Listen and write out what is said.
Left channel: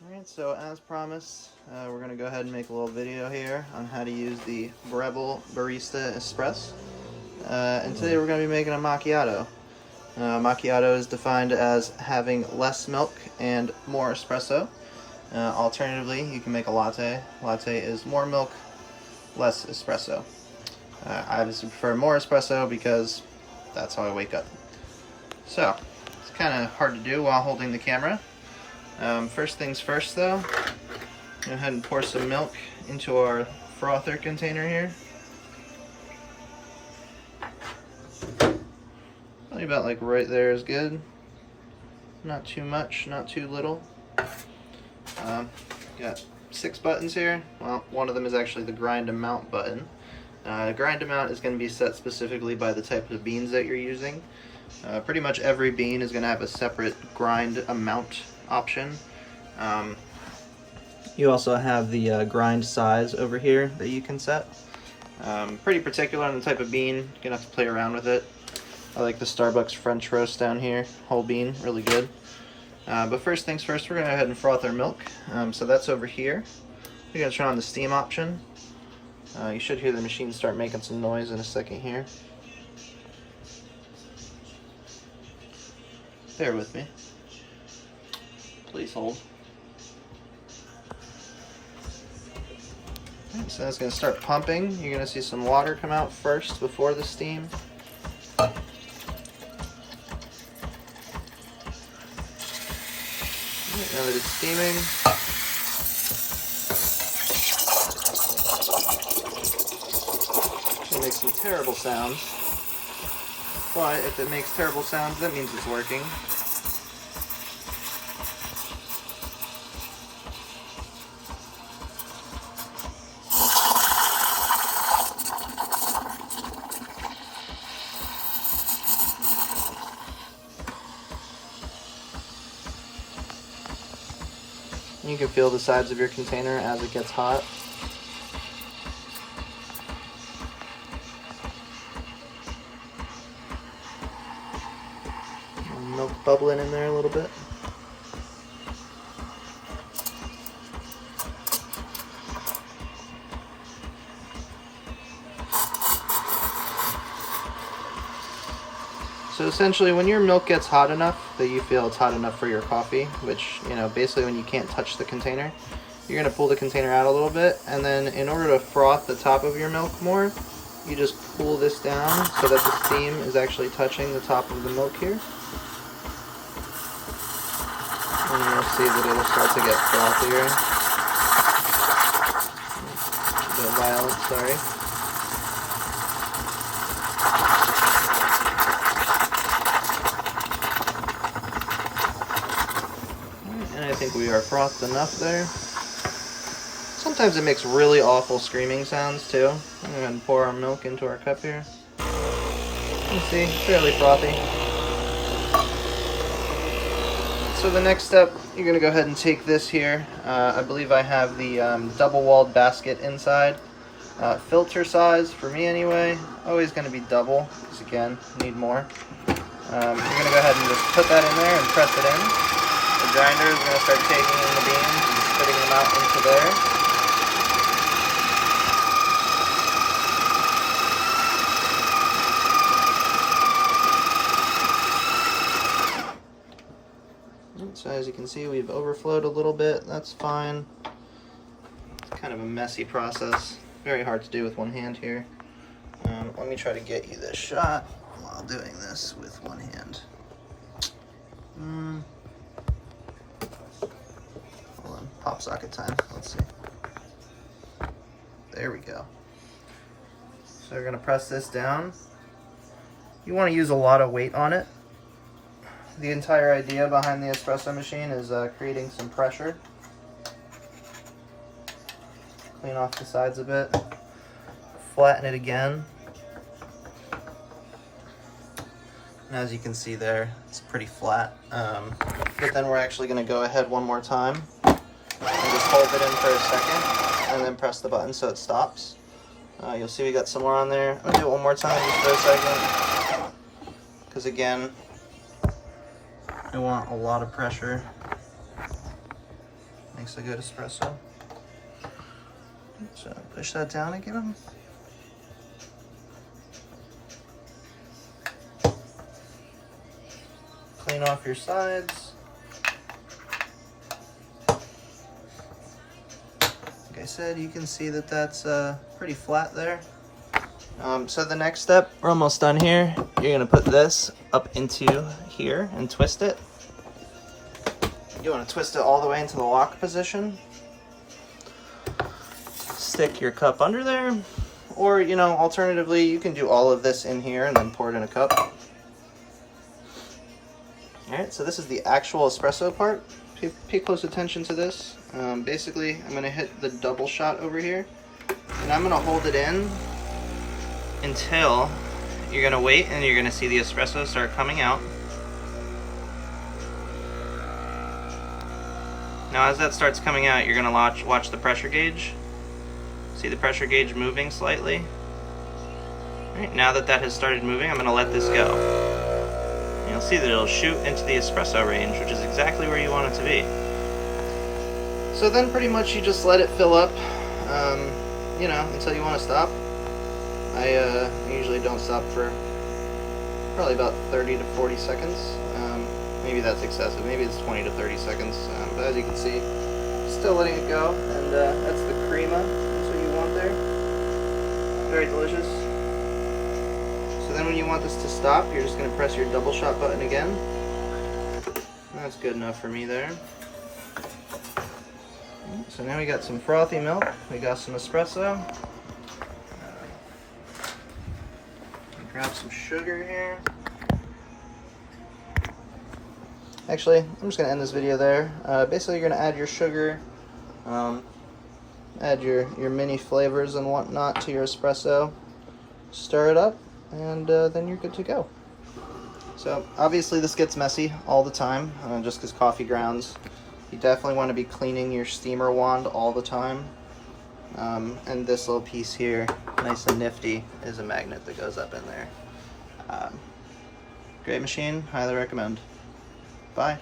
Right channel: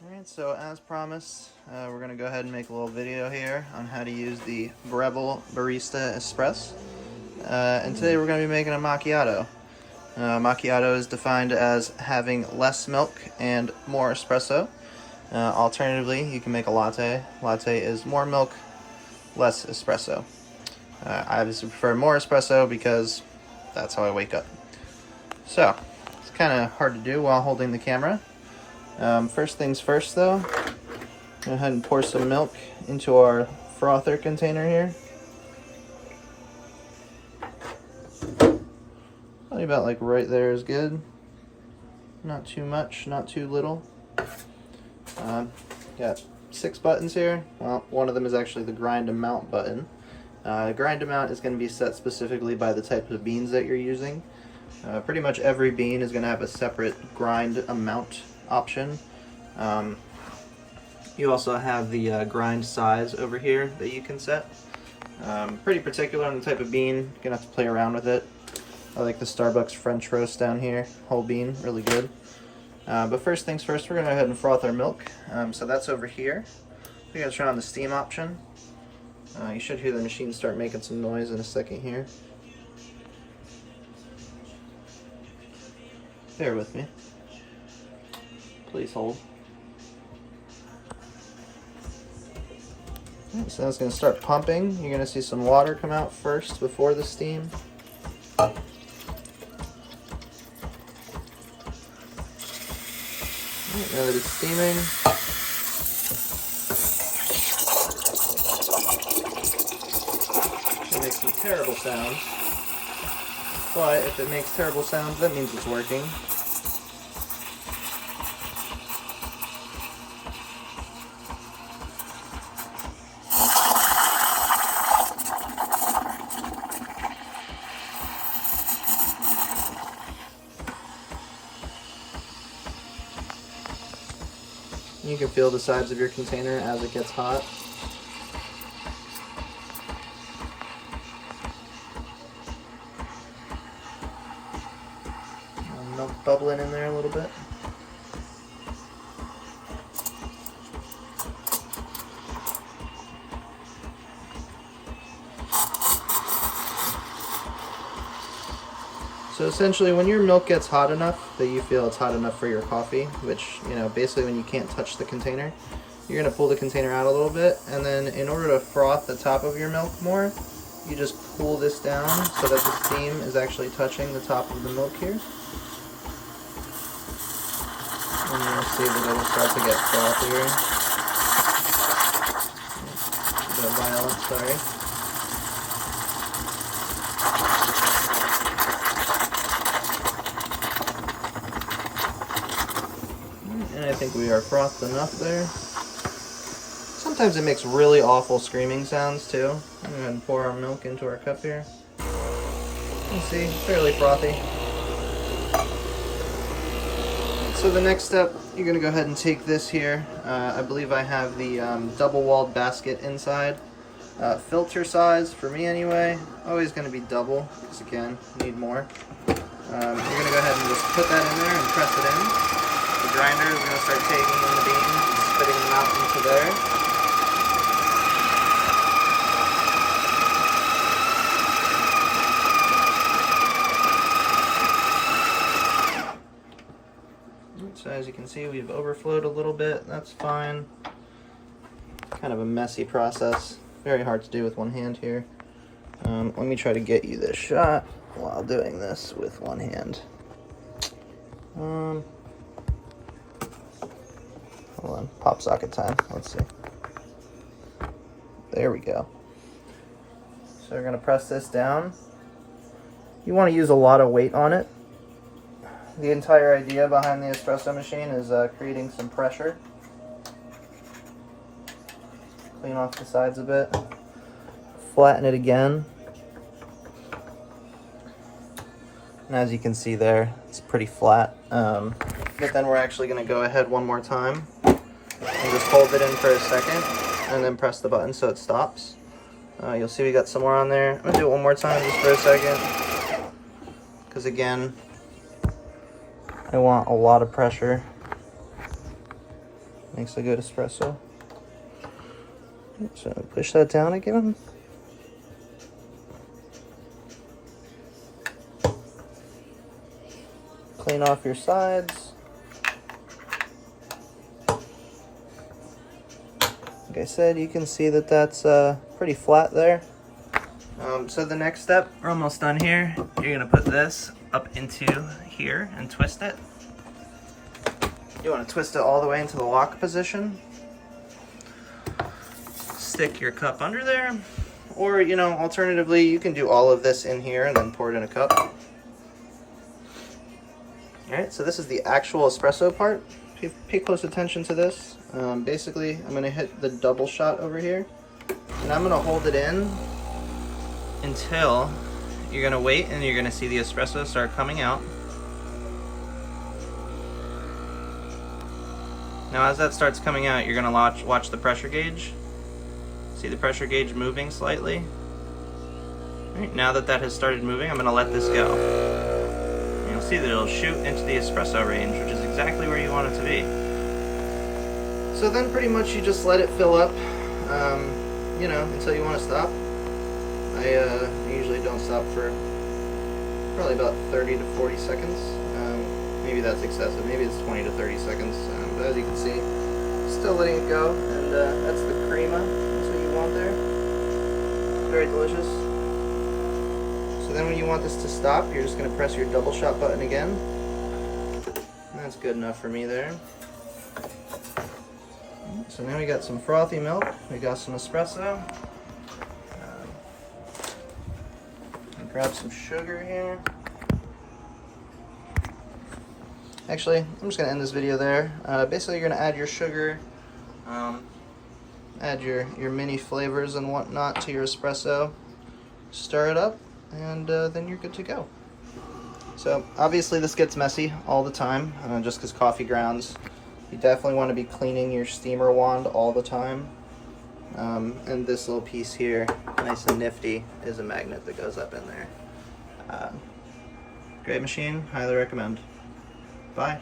Alright, so as promised, we're going to go ahead and make a little video here on how to use the Breville Barista Espresso. And today we're going to be making a macchiato. Macchiato is defined as having less milk and more espresso. Alternatively, you can make a latte. Latte is more milk, less espresso. I obviously prefer more espresso because that's how I wake up. So, it's kind of hard to do while holding the camera. First things first though, go ahead and pour some milk into our frother container here. Probably about like right there is good. Not too much, not too little. Got 6 buttons here. Well, one of them is actually the grind amount button. Grind amount is going to be set specifically by the type of beans that you're using. Pretty much every bean is going to have a separate grind amount option. You also have the grind size over here that you can set. Pretty particular on the type of bean. You're gonna have to play around with it. I like the Starbucks French roast down here, whole bean, really good. But first things first, we're gonna go ahead and froth our milk. So that's over here. We're gonna turn on the steam option. You should hear the machine start making some noise in a second here. Bear with me. Please hold. Right, so that's going to start pumping. You're going to see some water come out first before the steam. Right, now that it's steaming, it makes some terrible sounds. But if it makes terrible sounds, that means it's working. You can feel the sides of your container as it gets hot. Milk bubbling in there a little bit. So essentially, when your milk gets hot enough that you feel it's hot enough for your coffee, which, you know, basically when you can't touch the container, you're going to pull the container out a little bit, and then in order to froth the top of your milk more, you just pull this down so that the steam is actually touching the top of the milk here. And you'll see that it'll start to get frothier. A bit violent, sorry. And I think we are frothed enough there. Sometimes it makes really awful screaming sounds too. I'm going to pour our milk into our cup here. You can see, fairly frothy. So the next step, you're going to go ahead and take this here. I believe I have the double-walled basket inside. Filter size, for me anyway, always going to be double, because again, need more. You're going to go ahead and just put that in there and press it in. The grinder is going to start taking in the beans and spitting them out into there. So as you can see, we've overflowed a little bit. That's fine. It's kind of a messy process. Very hard to do with one hand here. Let me try to get you this shot while doing this with one hand. Hold on, pop socket time. Let's see. There we go. So we're gonna press this down. You want to use a lot of weight on it. The entire idea behind the espresso machine is creating some pressure. Clean off the sides a bit. Flatten it again. And as you can see there, it's pretty flat. But then we're actually going to go ahead one more time and just hold it in for a second and then press the button so it stops. You'll see we got some more on there. I'm going to do it one more time just for a second. Because again, I want a lot of pressure. Makes a good espresso. So push that down again. Clean off your sides. Like I said, you can see that that's pretty flat there. So the next step, we're almost done here. You're gonna put this up into here and twist it. You wanna twist it all the way into the lock position. Stick your cup under there, or alternatively, you can do all of this in here and then pour it in a cup. All right, so this is the actual espresso part. Pay close attention to this. Basically, I'm gonna hit the double shot over here, and I'm gonna hold it in until you're gonna wait, and you're gonna see the espresso start coming out. Now, as that starts coming out, you're gonna watch the pressure gauge. See the pressure gauge moving slightly? All right, now that has started moving, I'm gonna let this go. And you'll see that it'll shoot into the espresso range, which is exactly where you want it to be. So then pretty much you just let it fill up, until you want to stop. I usually don't stop for probably about 30 to 40 seconds. Maybe that's excessive, maybe it's 20 to 30 seconds, but as you can see, still letting it go, and that's the crema. There. Very delicious. So then when you want this to stop, you're just going to press your double shot button again. That's good enough for me there. So now we got some frothy milk, we got some espresso. Grab some sugar here. Actually, I'm just going to end this video there. Basically, you're going to add your sugar. Add your mini flavors and whatnot to your espresso, stir it up, and then you're good to go. So obviously this gets messy all the time, just because coffee grounds. You definitely want to be cleaning your steamer wand all the time. And this little piece here, nice and nifty, is a magnet that goes up in there. Great machine, highly recommend. Bye.